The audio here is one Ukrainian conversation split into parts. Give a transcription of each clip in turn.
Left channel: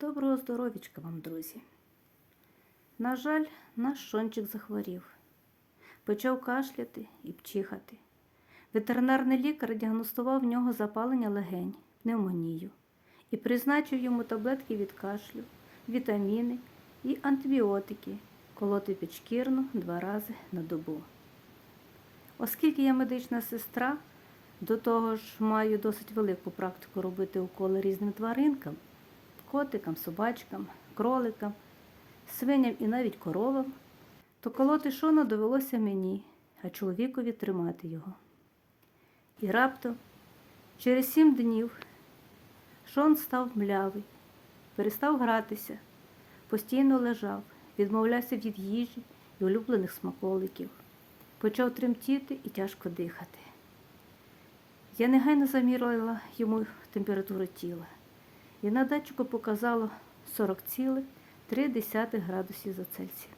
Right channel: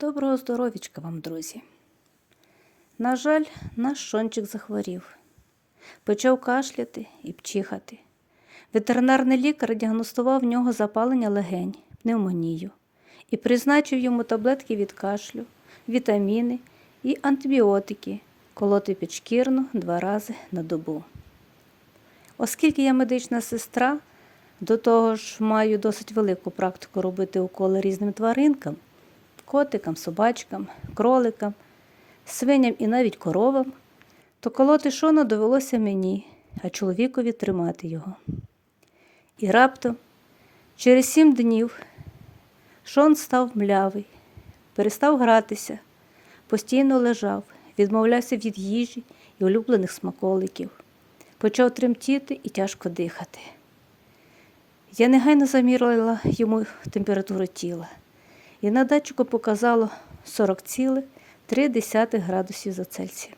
Доброго здоровічка вам, друзі. На жаль, наш шончик захворів. Почав кашляти і пчихати. Ветеринарний лікар діагностував в нього запалення легень, пневмонію і призначив йому таблетки від кашлю, вітаміни і антибіотики колоти підшкірно два рази на добу. Оскільки я медична сестра, до того ж маю досить велику практику робити уколи різним тваринкам, котикам, собачкам, кроликам, свиням і навіть коровам, то колоти шона довелося мені, а чоловікові тримати його. І раптом, через сім днів, шон став млявий, перестав гратися, постійно лежав, відмовлявся від їжі і улюблених смаколиків, почав тремтіти і тяжко дихати. Я негайно замірила йому температуру тіла, і на датчику показало 40,3 градусів за Цельсія.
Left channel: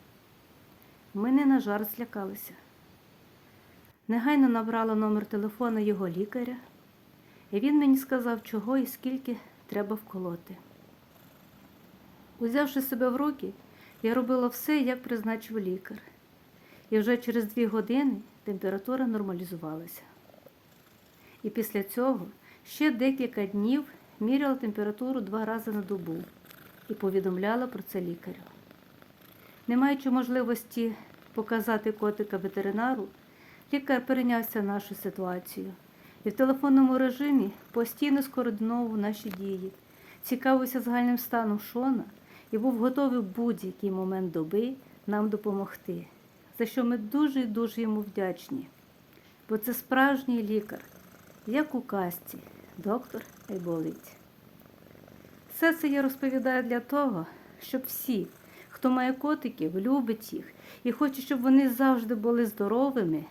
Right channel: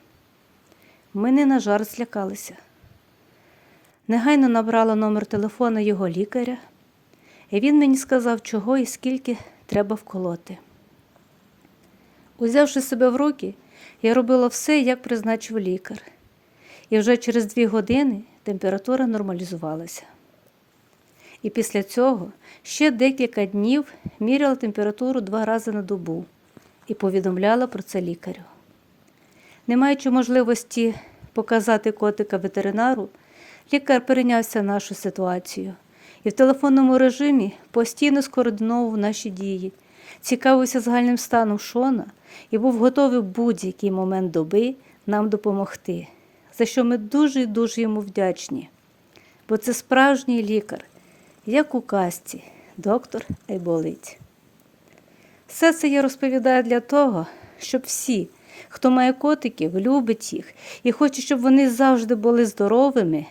Ми не на жарт злякалися. Негайно набрала номер телефона його лікаря, і він мені сказав, чого і скільки треба вколоти. Узявши себе в руки, я робила все, як призначив лікар, і вже через дві години температура нормалізувалася. І після цього ще декілька днів міряла температуру два рази на добу і повідомляла про це лікарю. Не маючи можливості показати котика ветеринару, лікар перейнявся нашу ситуацію і в телефонному режимі постійно скоординовував наші дії, цікавився загальним станом Шона і був готовий в будь-який момент доби нам допомогти, за що ми дуже і дуже йому вдячні. Бо це справжній лікар, як у казці, доктор Айболиць. Все це я розповідаю для того, щоб всі, хто має котиків, любить їх і хоче, щоб вони завжди були здоровими,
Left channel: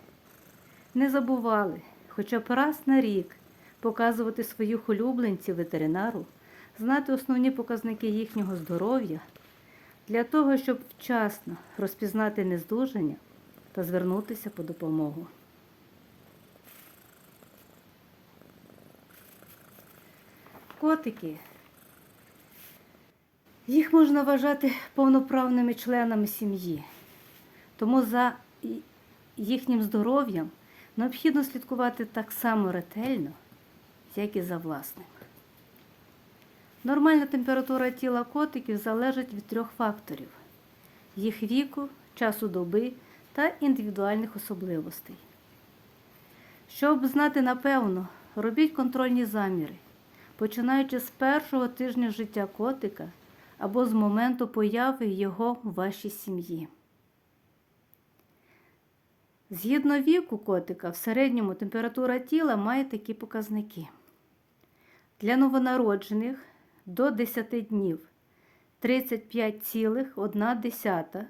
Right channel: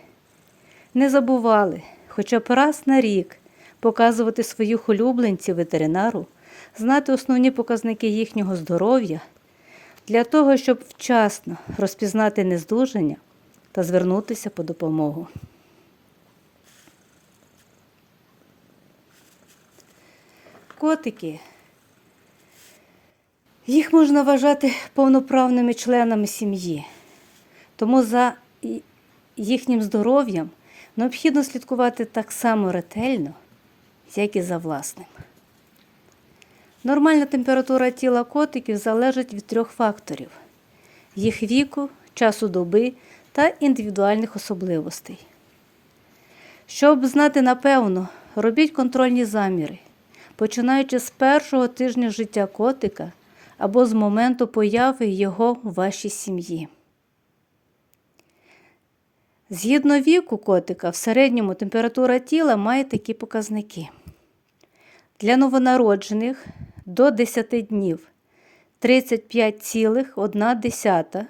не забували хоча б раз на рік показувати своїх улюбленців ветеринару, знати основні показники їхнього здоров'я для того, щоб вчасно розпізнати нездужання та звернутися по допомогу. Котики. Їх можна вважати повноправними членами сім'ї, тому за їхнім здоров'ям необхідно слідкувати так само ретельно, як і за власним. Нормальна температура тіла котиків залежить від трьох факторів: їх віку, часу доби та індивідуальних особливостей. Щоб знати напевно, робіть контрольні заміри, починаючи з першого тижня життя котика або з моменту появи його у вашій сім'ї. Згідно віку котика, в середньому температура тіла має такі показники. Для новонароджених до 10 днів 35,1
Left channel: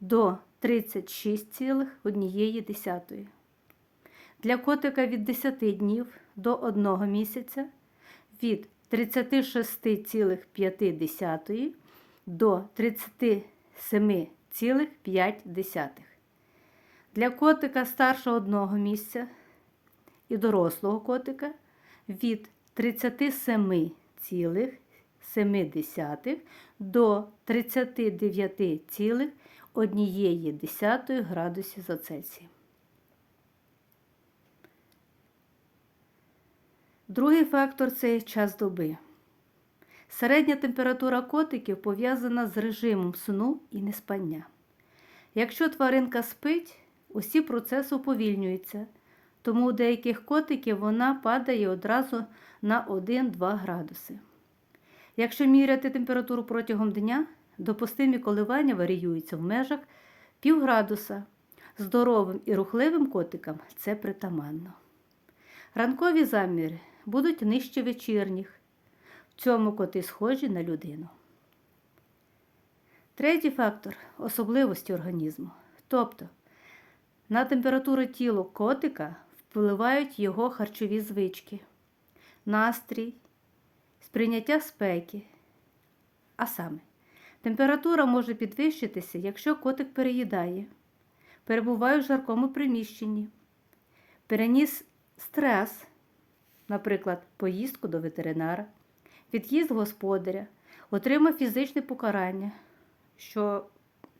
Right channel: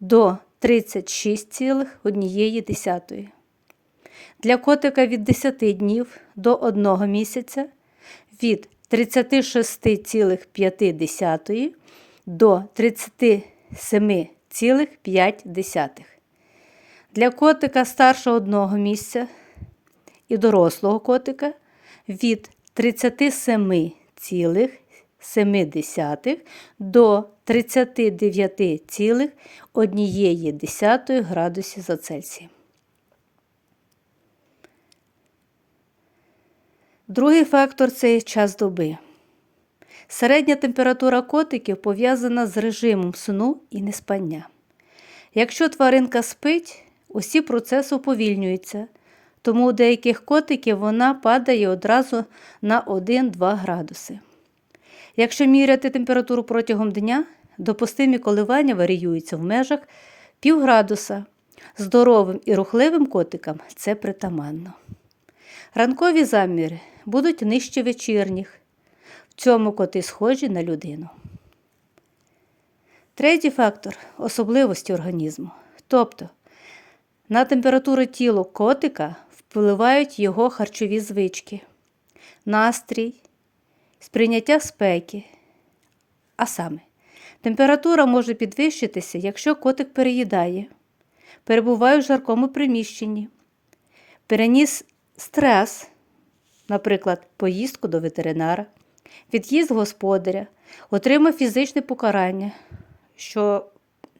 до 36,1. Для котика від 10 днів до 1 місяця від 36,5 до 37,5. Для котика старше одного місця і дорослого котика від 37,7 до 39,1 градусів за Цельсієм. Другий фактор це час доби. Середня температура котиків пов'язана з режимом сну і неспання. Якщо тваринка спить, усі процеси уповільнюються, тому у деяких котиків вона падає одразу на 1-2 градуси. Якщо міряти температуру протягом дня, допустимі коливання варіюються в межах півградуса. Здоровим і рухливим котикам це притаманно. Ранкові заміри будуть нижче вечірніх. В цьому коти схожі на людину. Третій фактор особливості організму. Тобто на температуру тіла котика впливають його харчові звички, настрій, сприйняття спеки. А саме, температура може підвищитися, якщо котик переїдає, перебуває в жаркому приміщенні, переніс стрес, наприклад, поїздку до ветеринара, від'їзд господаря, отримав фізичне покарання, що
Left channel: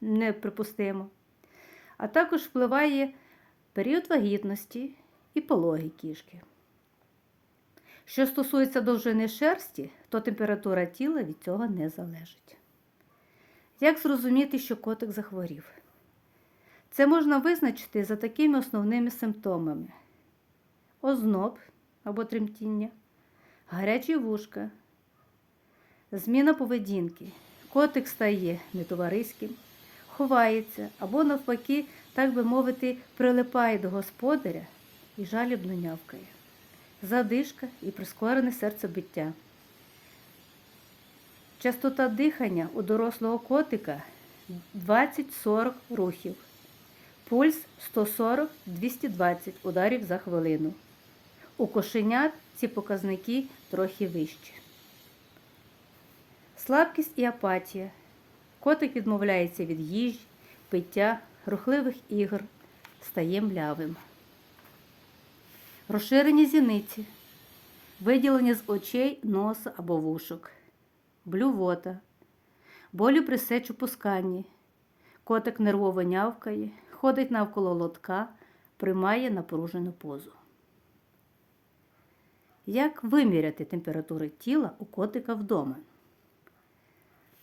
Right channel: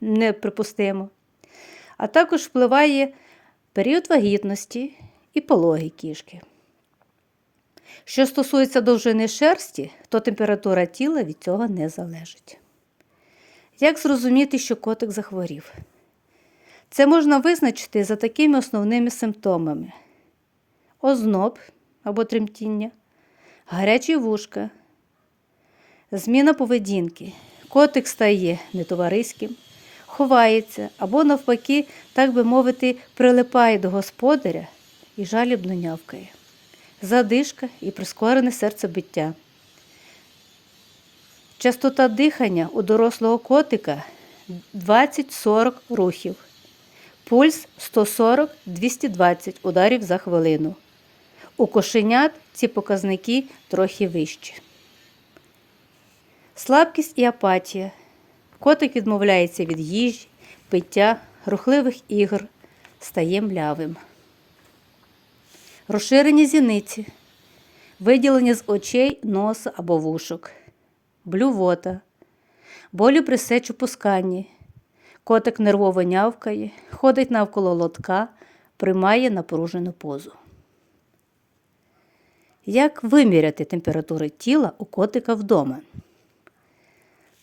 неприпустимо, а також впливає період вагітності і пологи кішки. Що стосується довжини шерсті, то температура тіла від цього не залежить. Як зрозуміти, що котик захворів? Це можна визначити за такими основними симптомами: озноб або тремтіння, гарячі вушка, зміна поведінки. Котик стає нетовариським, ховається або, навпаки, так би мовити, прилипає до господаря і жалібно нявкає, задишка і прискорене серцебиття. Частота дихання у дорослого котика 20-40 рухів, пульс 140-220 ударів за хвилину. У кошенят ці показники трохи вищі. Слабкість і апатія. Котик відмовляється від їжі, пиття, рухливих ігор, стає млявим. Розширені зіниці, виділення з очей, носа або вушок, блювота, болі при сечопусканні. Котик нервово нявкає, ходить навколо лотка, приймає напружену позу. Як виміряти температуру тіла у котика вдома?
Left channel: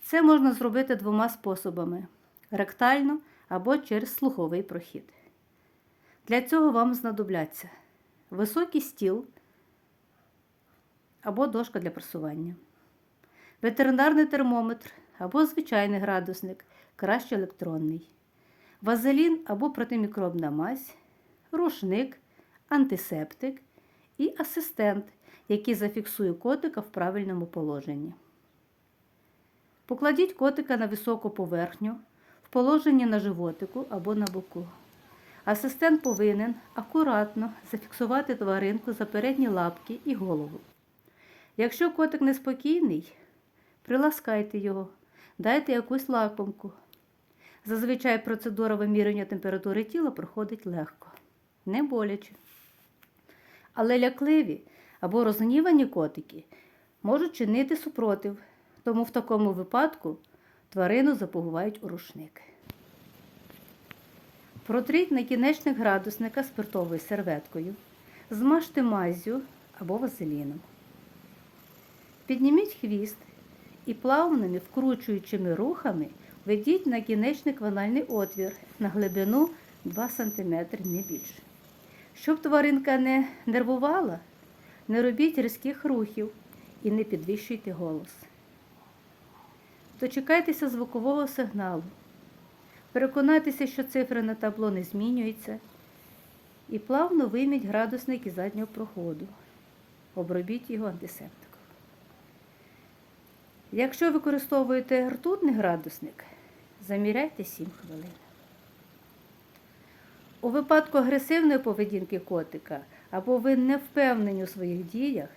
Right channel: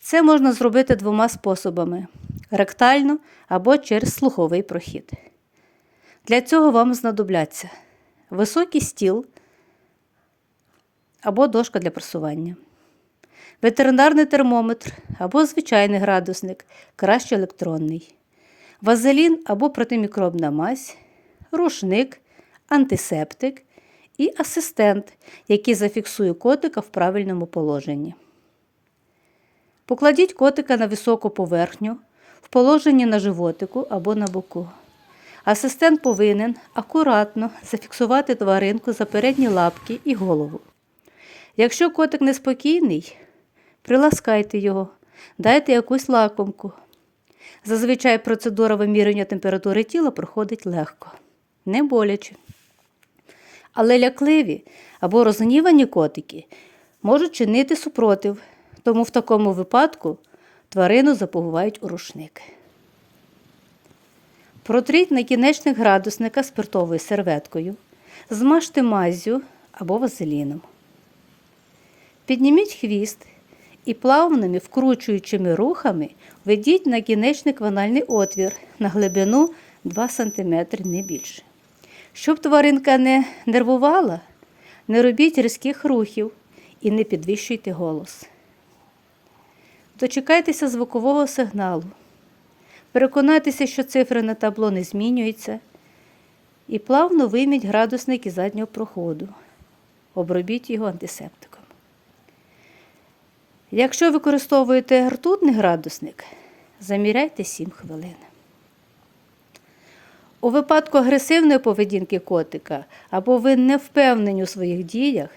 Це можна зробити двома способами: ректально або через слуховий прохід. Для цього вам знадобляться високий стіл або дошка для просування, ветеринарний термометр або звичайний градусник, краще електронний, вазелін або протимікробна мазь, рушник, антисептик і асистент, який зафіксує котика в правильному положенні. Покладіть котика на високу поверхню, в положенні на животику або на боку. Асистент повинен акуратно зафіксувати тваринку за передні лапки і голову. Якщо котик неспокійний, приласкайте його, дайте якусь лакомку. Зазвичай процедура вимірювання температури тіла проходить легко, не боляче. Але лякливі або розгнівані котики можуть чинити супротив, тому в такому випадку тварину заповувають у рушник. Протріть накінечник градусника спиртовою серветкою, змажте маззю або вазеліном. Підніміть хвіст і плавними вкручуючими рухами введіть накінечник в анальний отвір на глибину 2 см не більше. Щоб тваринка не нервувала, не робіть різких рухів і не підвищуйте голос. Дочекайтеся звукового сигналу. Переконайтеся, що цифри на табло не змінюються. І плавно вийміть градусник із заднього проходу. Обробіть його антисептиком. Якщо використовуєте ртутний градусник, заміряйте 7 хвилин. У випадку агресивної поведінки котика або ви не впевнені у своїх діях,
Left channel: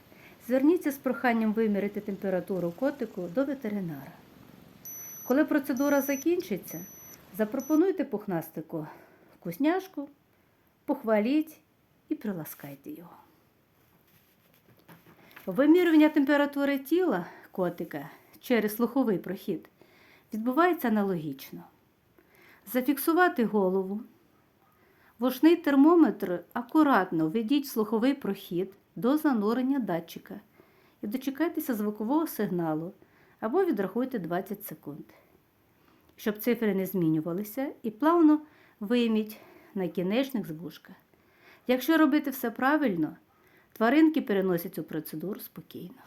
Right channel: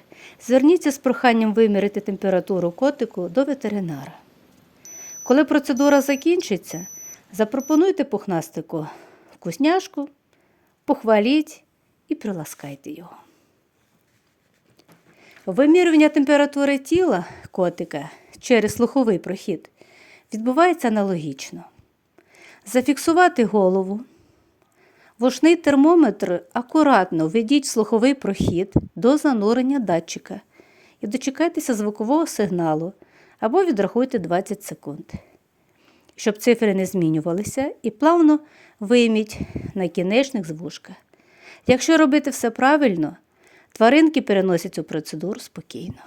зверніться з проханням виміряти температуру котику до ветеринара. Коли процедура закінчиться, запропонуйте пухнастику вкусняшку, похваліть і приласкайте його. Вимірювання температури тіла котика через слуховий прохід відбувається аналогічно. Зафіксувати голову. Вушний термометр акуратно введіть слуховий прохід до занурення датчика і дочекайтеся звукового сигналу або відрахуйте 20 секунд. Щоб цифри не змінювалися, і плавно вийміть накінечник з вушка. Якщо робити все правильно, тваринки переносять цю процедуру спокійно.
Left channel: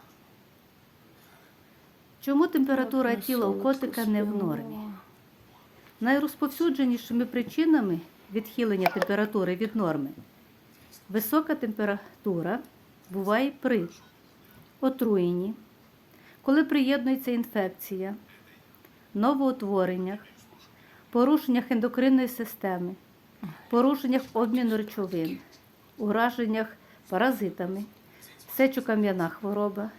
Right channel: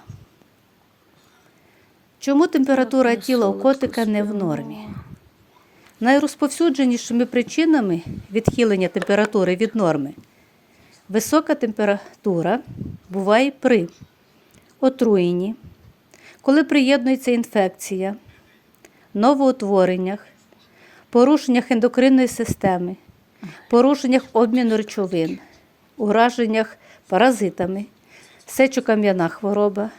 Чому температура тіла у котика не в нормі? Найрозповсюдженішими причинами відхилення температури від норми висока температура буває при отруєнні, коли приєднується інфекція, новоутвореннях, порушеннях ендокринної системи, порушеннях обміну речовин, ураженнях паразитами, сечокам'яна хвороба,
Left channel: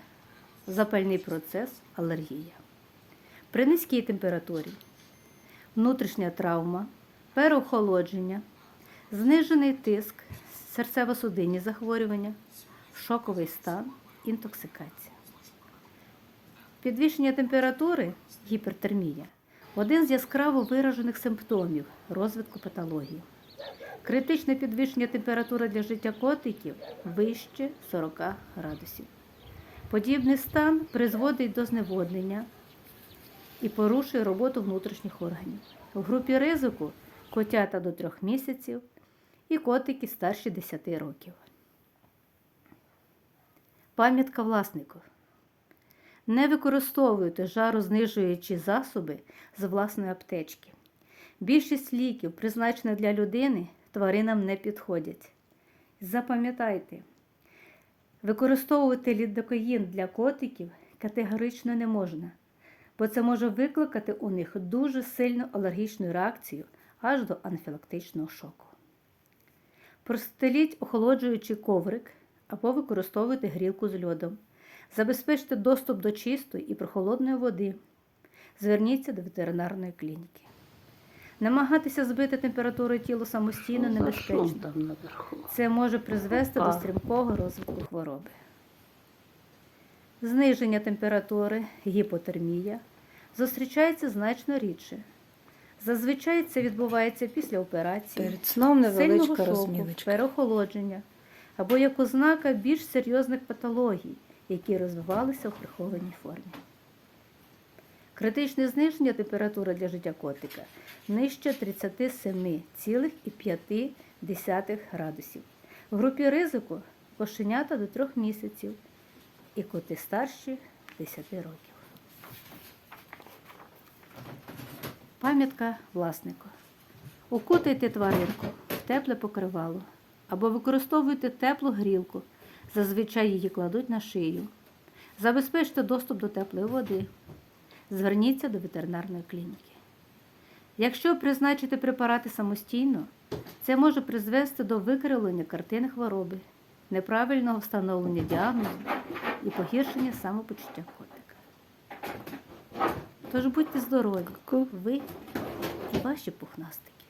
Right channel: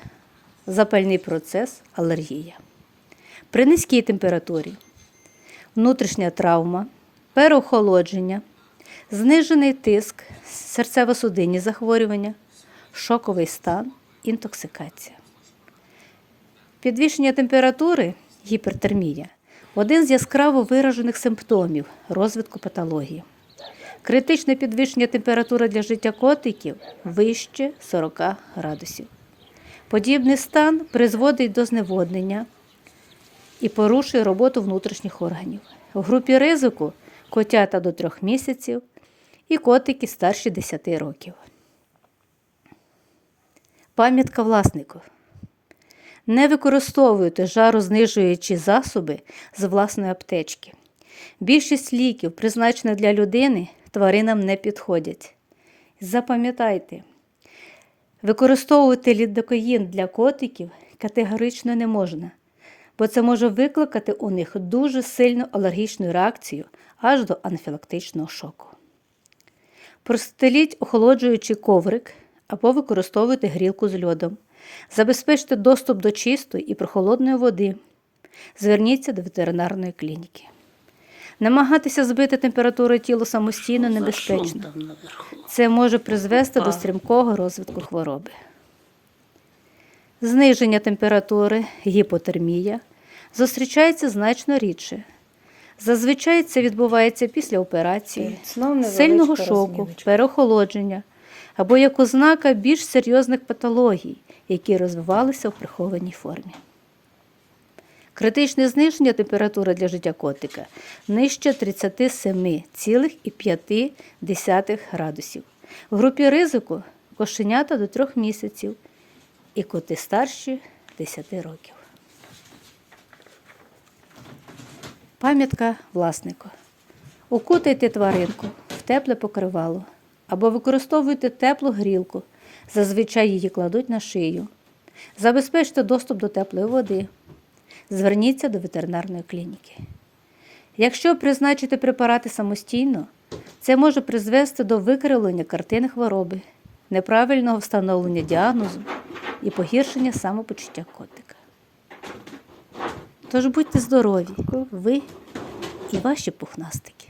запальний процес, алергія. При низькій температурі внутрішня травма, переохолодження, знижений тиск, серцево-судинні захворювання, шоковий стан, інтоксикація. Підвищення температури гіпертермія один з яскраво виражених симптомів розвитку патології. Критичне підвищення температури для життя котиків вище 40 градусів. Подібний стан призводить до зневоднення і порушує роботу внутрішніх органів. В групі ризику котята до 3 місяців і котики старші 10 років. Пам'ятка власнику. Не використовуйте жарознижуючі засоби з власної аптечки. Більшість ліків, призначених для людини, тваринам не підходять. Запам'ятайте, використовувати лідокаїн для котиків категорично не можна, бо це може викликати у них дуже сильну алергічну реакцію аж до анафілактичного шоку. Простеліть охолоджуючий коврик або використовуйте грілку з льодом. Забезпечте доступ до чистої і прохолодної води. Зверніться до ветеринарної клініки. Намагатися збити температуру тіла самостійно небезпечно. Це може призвести до стрімкого розвитку хвороби. Зниження температури, гіпотермія зустрічається значно рідше. Зазвичай це відбувається після операції, сильного шоку, розміночка. переохолодження або як ознака більш серйозних патологій, які розвивалися в прихованій формі. Критичне зниження температури для життя котика нижче 37,5 градусів. В групі ризику кошенята до 3 місяців і коти старші 10 років. Пам'ятка власнику. Укутайте тваринку в тепле покривало або використовуйте теплу грілку. Зазвичай її кладуть на шию. Забезпечте доступ до теплої води. Зверніться до ветеринарної клініки. Якщо призначити препарати самостійно, це може призвести до викривлення картини хвороби, неправильного встановлення діагнозу і погіршення самопочуття котика. Тож будьте здорові, ви і ваші пухнастики.